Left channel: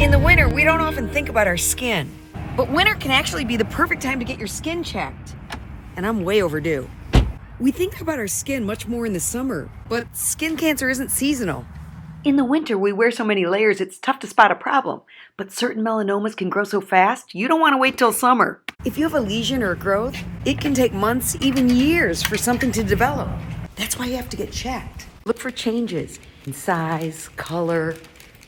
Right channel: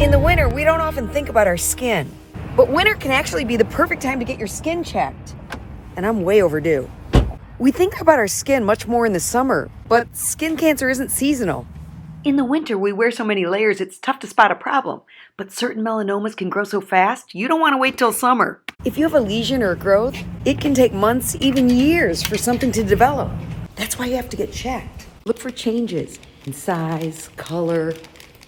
In the winter, we don't often think about our skin, but winter can actually be the perfect time to get your skin checked. And I'm way overdue. We think about our skin much more in the summer, but skin cancer isn't seasonal. In the winter, we wear so many layers, it's tough to spot a problem. But certain melanomas can grow so fast, you don't want to wait till summer. If you have a lesion or a growth, it can take months, even years, for something to develop. That's why you have to get checked. Look for changes in size, color,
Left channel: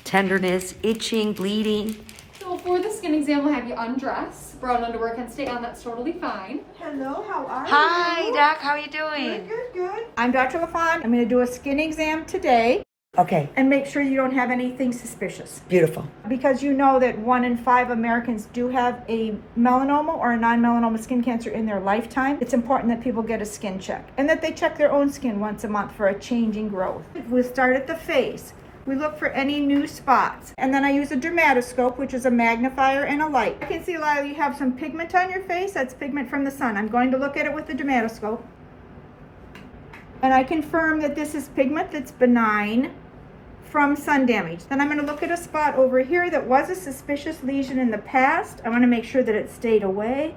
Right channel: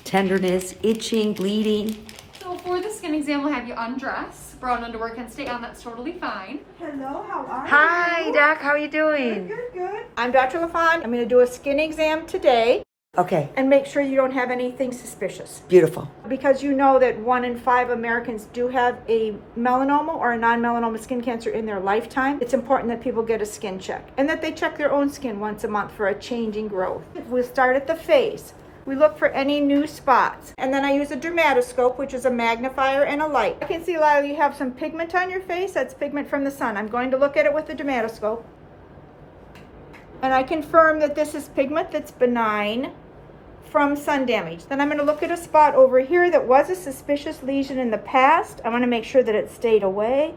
tenderness, itching, bleeding. So for the skin exam, we'll have you undress. Brown underwear can stay on, that's totally fine. Hello, how are you? Hi, Doc, how are you doing? Good. I'm Dr. LaFon. I'm going to do a skin exam today Okay, and make sure you don't have anything suspicious. beautiful. Because you know that 1 in 5 Americans do have a melanoma or a non-melanoma skin cancer in their lifetime. It's important that people get a skin check and that they check their own skin once a month for a changing growth. We'll start at the face. We look for any new spots. And then I use a dermatoscope, which is a magnifier and a light. I can see, Lila, you have some pigment on your face. That's pigment from the sun. I'm going to look at it with the dermatoscope. And I confirm that this is pigment that's benign from sun damage. Then I'm going to look at a spot over here that was a suspicious lesion in the past. I want to make sure that it stayed away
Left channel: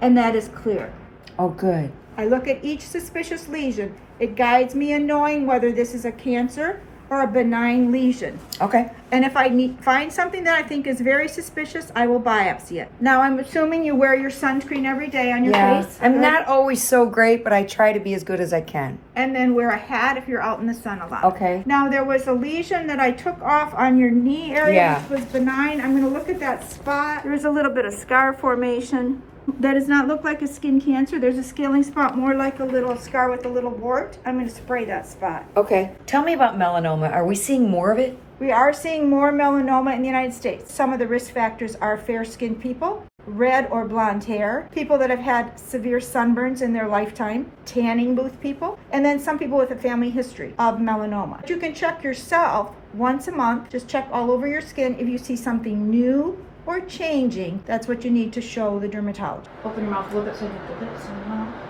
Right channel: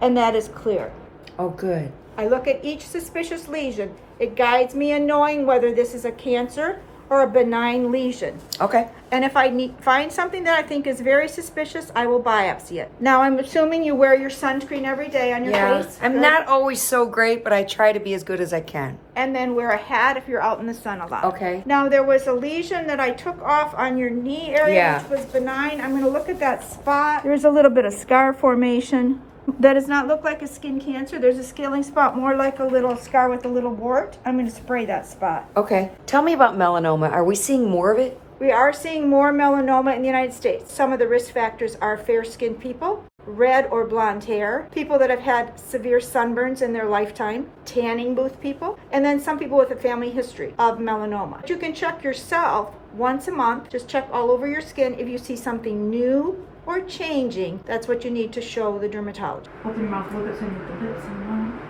and that is clear. Oh, good. I look at each suspicious lesion. It guides me in knowing whether this is a cancer or a benign lesion. Okay. And if I find something that I think is very suspicious, I will biopsy it. Now, I'm assuming you wear your sunscreen every day on your face. I'm right? not always so great, but I try to be as good as I can. And then wear a hat if you're out in the sun a lot. Okay. Now, there was a lesion that I took off on your knee area, Yeah. which was benign. I'm going to look at that spot. There's a little bit of scar formation. That does not look like a skin cancer. There's a scaling spot, more like a little scar with a little wart. I'm going to spray that spot. Okay. Tell me about melanoma. Are we seeing more of it? We are seeing more melanoma in the United States. Some of the risk factors are fair-skinned people, red or blonde hair, people that have had severe sunburns in their lifetime, tanning booth people, and then some people with a family history of melanoma. You can check yourself once a month. Just check all over your skin. If you see something new or changing, that's what you need to show the dermatologist. Open your mouth a little bit so you can get some.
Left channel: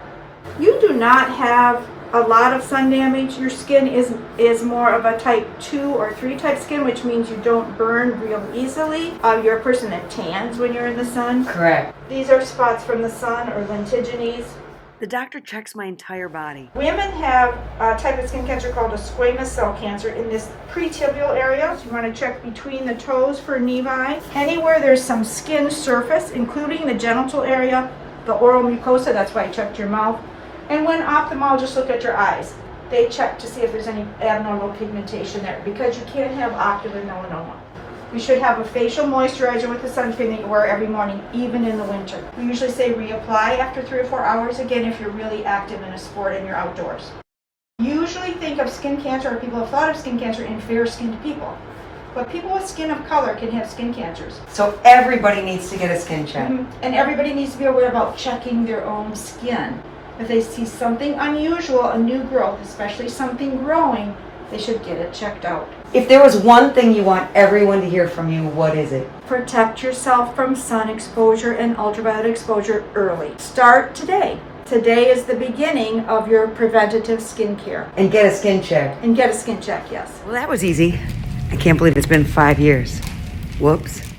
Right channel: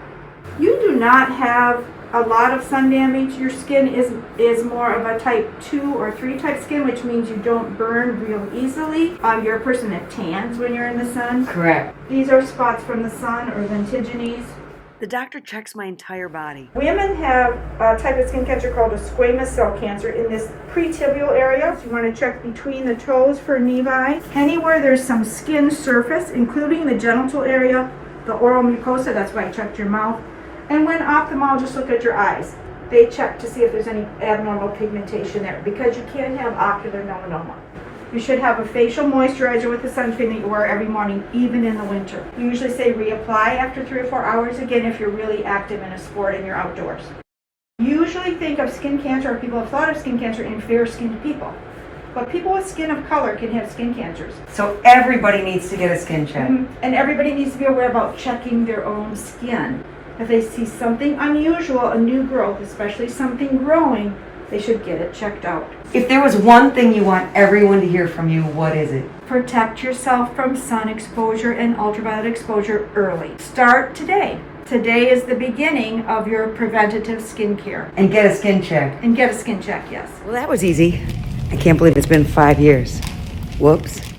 You do not have a lot of sun damage. Your skin is more of a type 2 or 3 type skin, which means you don't burn real easily. You're a person that tans when you're in the sun. Correct. These are spots from the sun or lentigines. The doctor checks my entire body. Women have a type of skin cancer called a squamous cell cancer in this pretibial area. So you want to check between the toes for nevi. Anywhere there's some skin surface, including the genital area, the oral mucosa, that's why I checked your mouth. And when ophthalmologists look at your eyes, they check to see if there's any abnormal pigmentation there, because you can't have ocular melanoma. You should have a facial moisturizer with the sunscreen that you wear every morning, even in the winter. We usually say reapply after 3 or 4 hours, again, if you're really active in a sport and you're outdoors. Usually think of skin cancer, or people have thought of skin cancer in fair-skinned people. But people with skin of color can have skin cancers. So everybody needs to get a skin check. And everybody needs to be aware about checking their own skin. If they see something unusual, a new growth, especially something growing, they should get it checked out. If there was one thing you want everyone to hear from you, what is it? Protect yourself from sun exposure and ultraviolet exposure early. Start today. Today is the beginning of your preventative skincare. And get a skin check. And get a skin check, yes. Well, that was easy. I can't believe it's been 5 years. Whoops.